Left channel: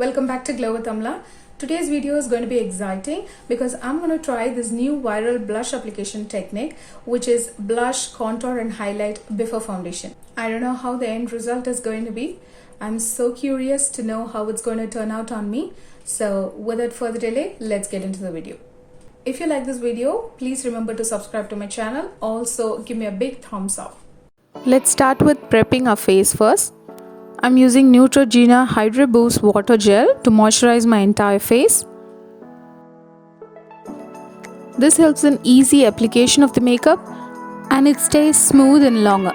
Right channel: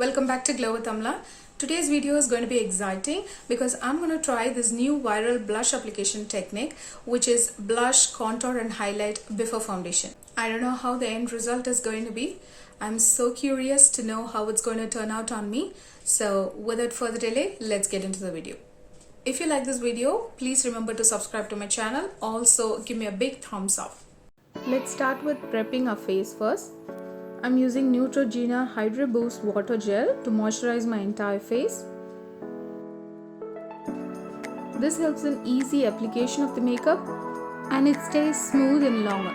Welcome back to Glow with Amla. Today's video is going to be exciting because I'm going to try this new viral blush application technique, which is blush, contour and highlight before foundation. I don't know how the end result is going to be. I'm so curious to know how it's going to turn out on me. So without further delay, let's get into the video. If you like this video, please remember to subscribe to my channel. Also give me a big thumbs up. Let's start with prepping our face first. I'm using Neutrogena Hydra Boost Water Gel to moisturize my entire face. This helps in easy application of the makeup and it stays smooth and longer.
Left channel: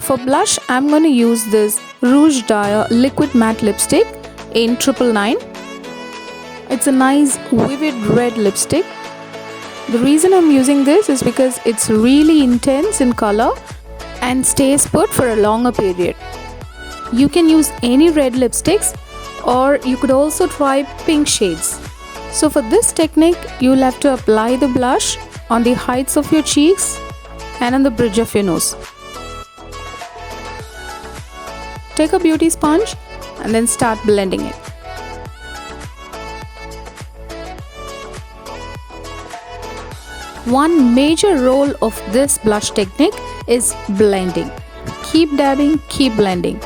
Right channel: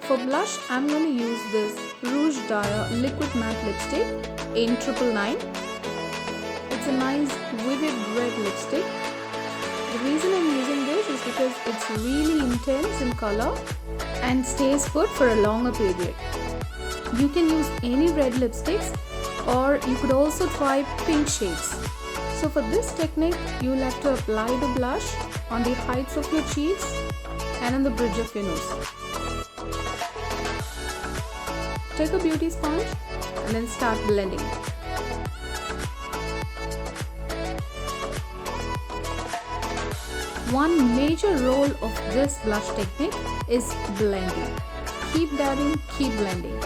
For blush, I'm going to use this Rouge Dye Liquid Matte Lipstick in 999. It's a nice vivid red lipstick. The reason I'm using this is because it's really intense in color and stays put for a longer period. You can use any red lipsticks or you could also try pink shades. So for this technique, you'll have to apply the blush on the heights of your cheeks and on the bridge of your nose. Take a beauty sponge and then start blending it. One major role of this blush technique is blending. Keep dabbing, keep blending.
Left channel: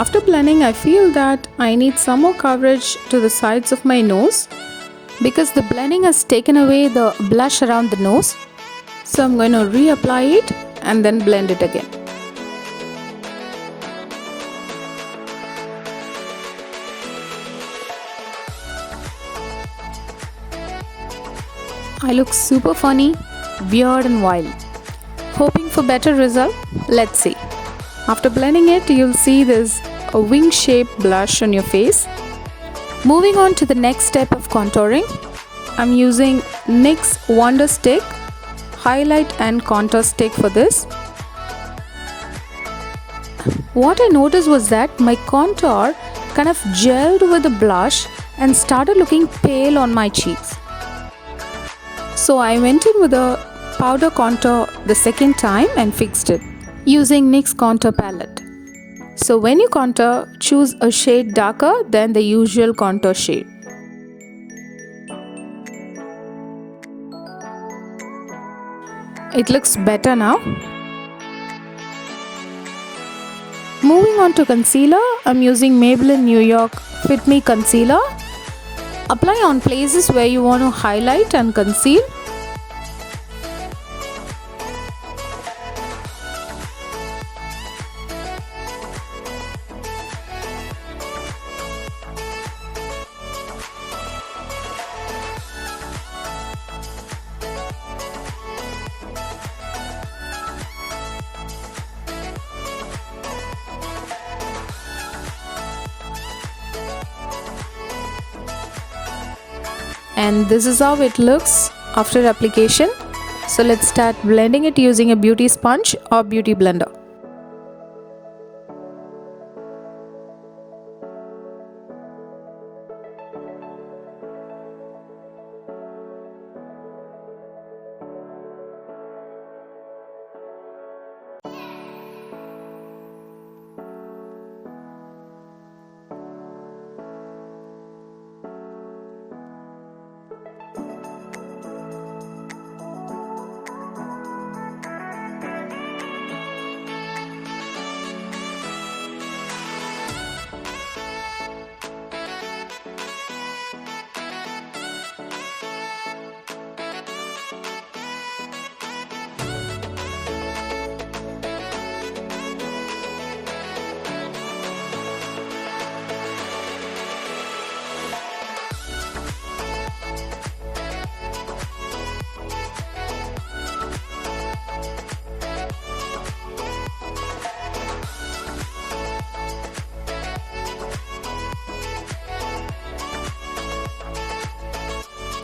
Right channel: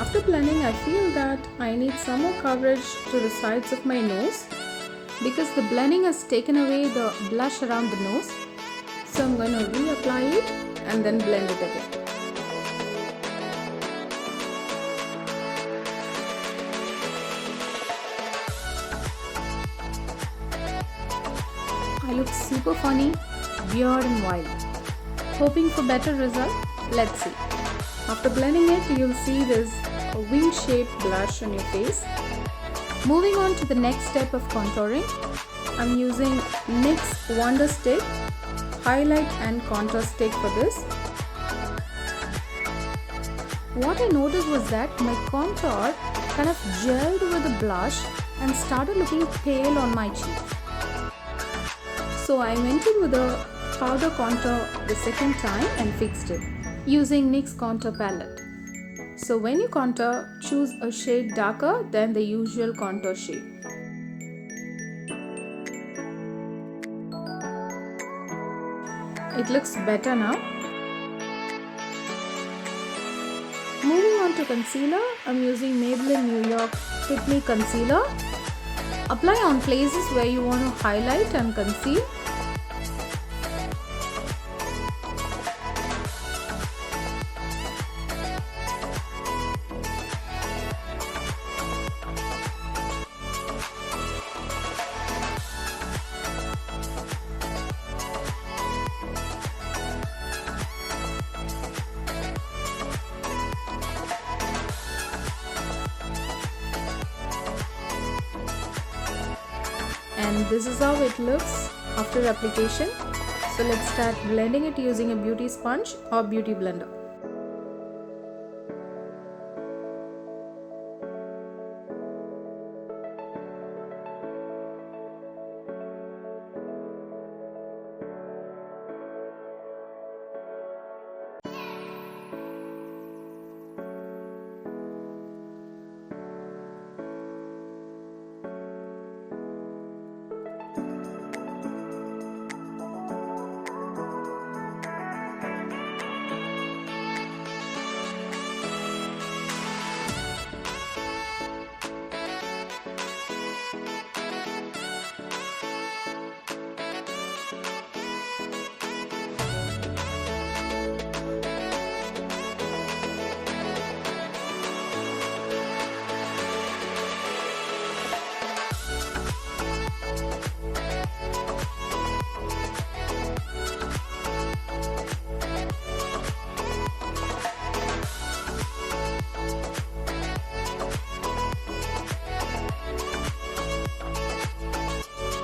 After blending, I feel that I need some more coverage to the sides of my nose because the blending has taken away the blush around the nose. So I'm going to reapply it and then blend it again. I look super funny, weird and wild. Hoping for better result? Let's see. After blending it, you'll see this a wing-shaped blush on your face. Moving on to the next step of contouring, I'm using NYX Wonder Stick Highlight and Contour Stick for this. What I noticed was that my contour kind of gelled with the blush and started looking pale on my cheeks. So I went in with a powder contour the second time and fixed it using NYX Contour Palette. So when you contour, choose a shade darker than the usual contour shade. It looks better now. Moving on to concealer, I'm using Maybelline New York Fit Me Concealer. Apply on places where you want to highlight and conceal. And this is how it looks after application. So let's start blending it using a beauty sponge or beauty blender.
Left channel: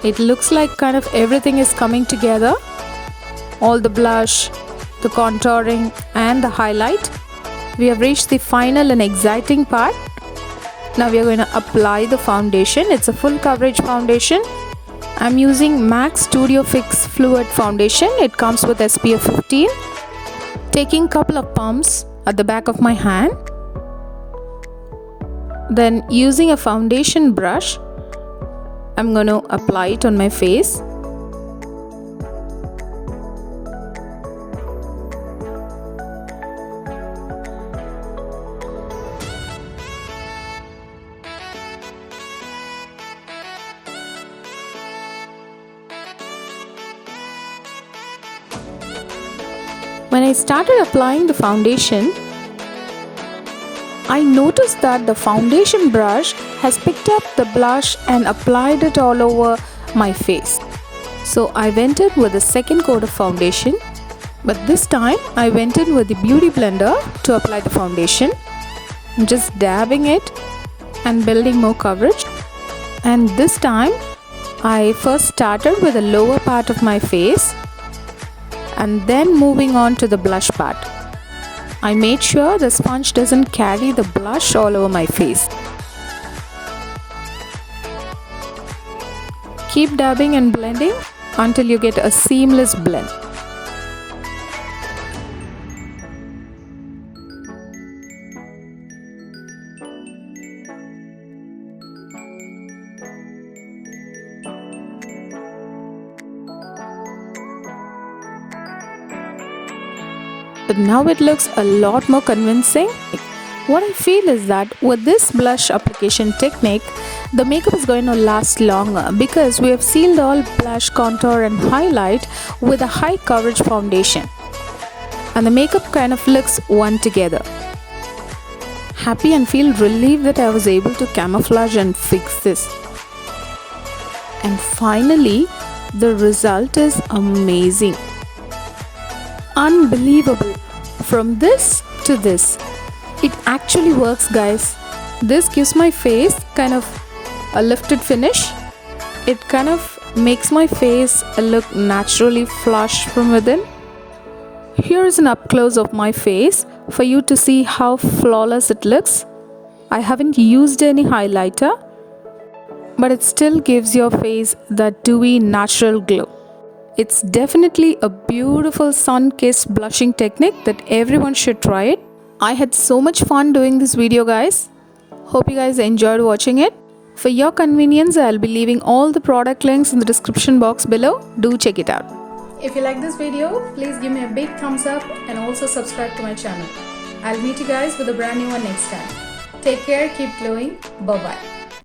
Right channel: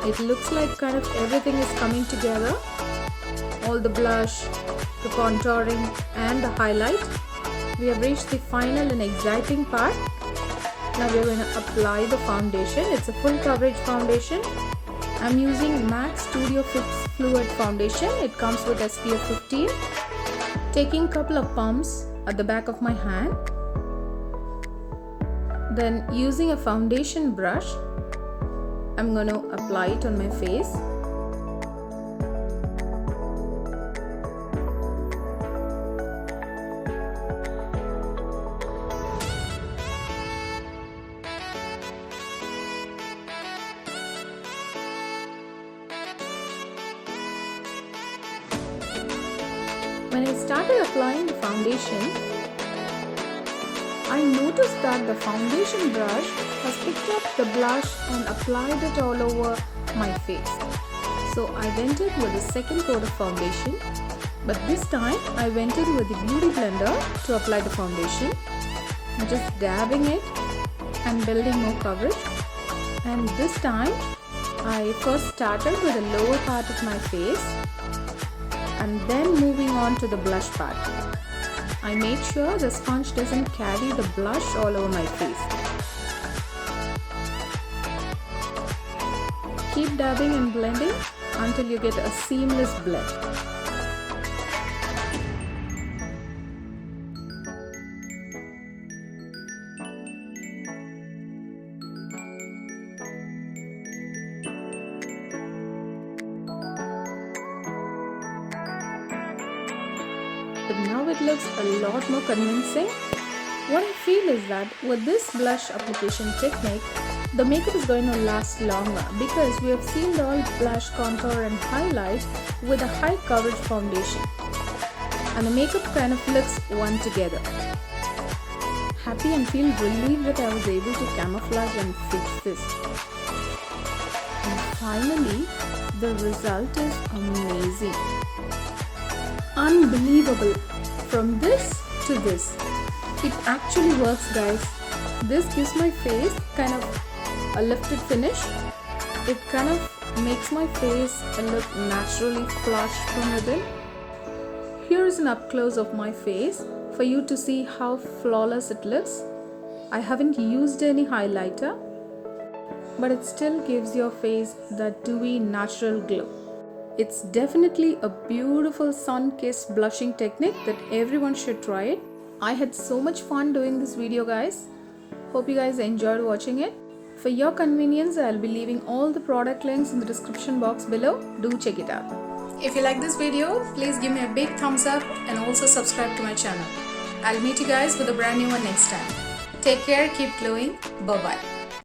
It looks like kind of everything is coming together. All the blush, the contouring and the highlight. We have reached the final and exciting part. Now we are going to apply the foundation. It's a full coverage foundation. I'm using MAC Studio Fix Fluid Foundation. It comes with SPF 15. Taking couple of pumps at the back of my hand. Then using a foundation brush, I'm going to apply it on my face. When I started applying the foundation, I noticed that the foundation brush has picked up the blush and applied it all over my face. So I went in with a second coat of foundation, but this time I went in with the beauty blender to apply the foundation. I'm just dabbing it and building more coverage. And this time I first started with the lower part of my face and then moving on to the blush part. I made sure the sponge doesn't carry the blush all over my face. Keep dabbing and blending until you get a seamless blend. But now it looks a lot more convincing. What I feel is that with this blush application technique, the makeup is going to last longer because we have sealed all blush, contour and highlight with a high coverage foundation. And the makeup kind of looks one together. Happy and feel relieved that I was able to camouflage and fix this. And finally, the result is amazing. Unbelievable. From this to this, it actually works, guys. This gives my face kind of a lifted finish. It kind of makes my face look naturally flush from within. Here is an up close of my face for you to see how flawless it looks. I haven't used any highlighter, but it still gives your face that dewy natural glow. It's definitely a beautiful sun-kissed blushing technique that everyone should try it. I had so much fun doing this video, guys. Hope you guys enjoyed watching it. For your convenience, I'll be leaving all the product links in the description box below. Do check it out. If you like this video, please give me a big thumbs up and also subscribe to my channel. I'll meet you guys with a brand new one next time. Take care, keep glowing. Bye-bye.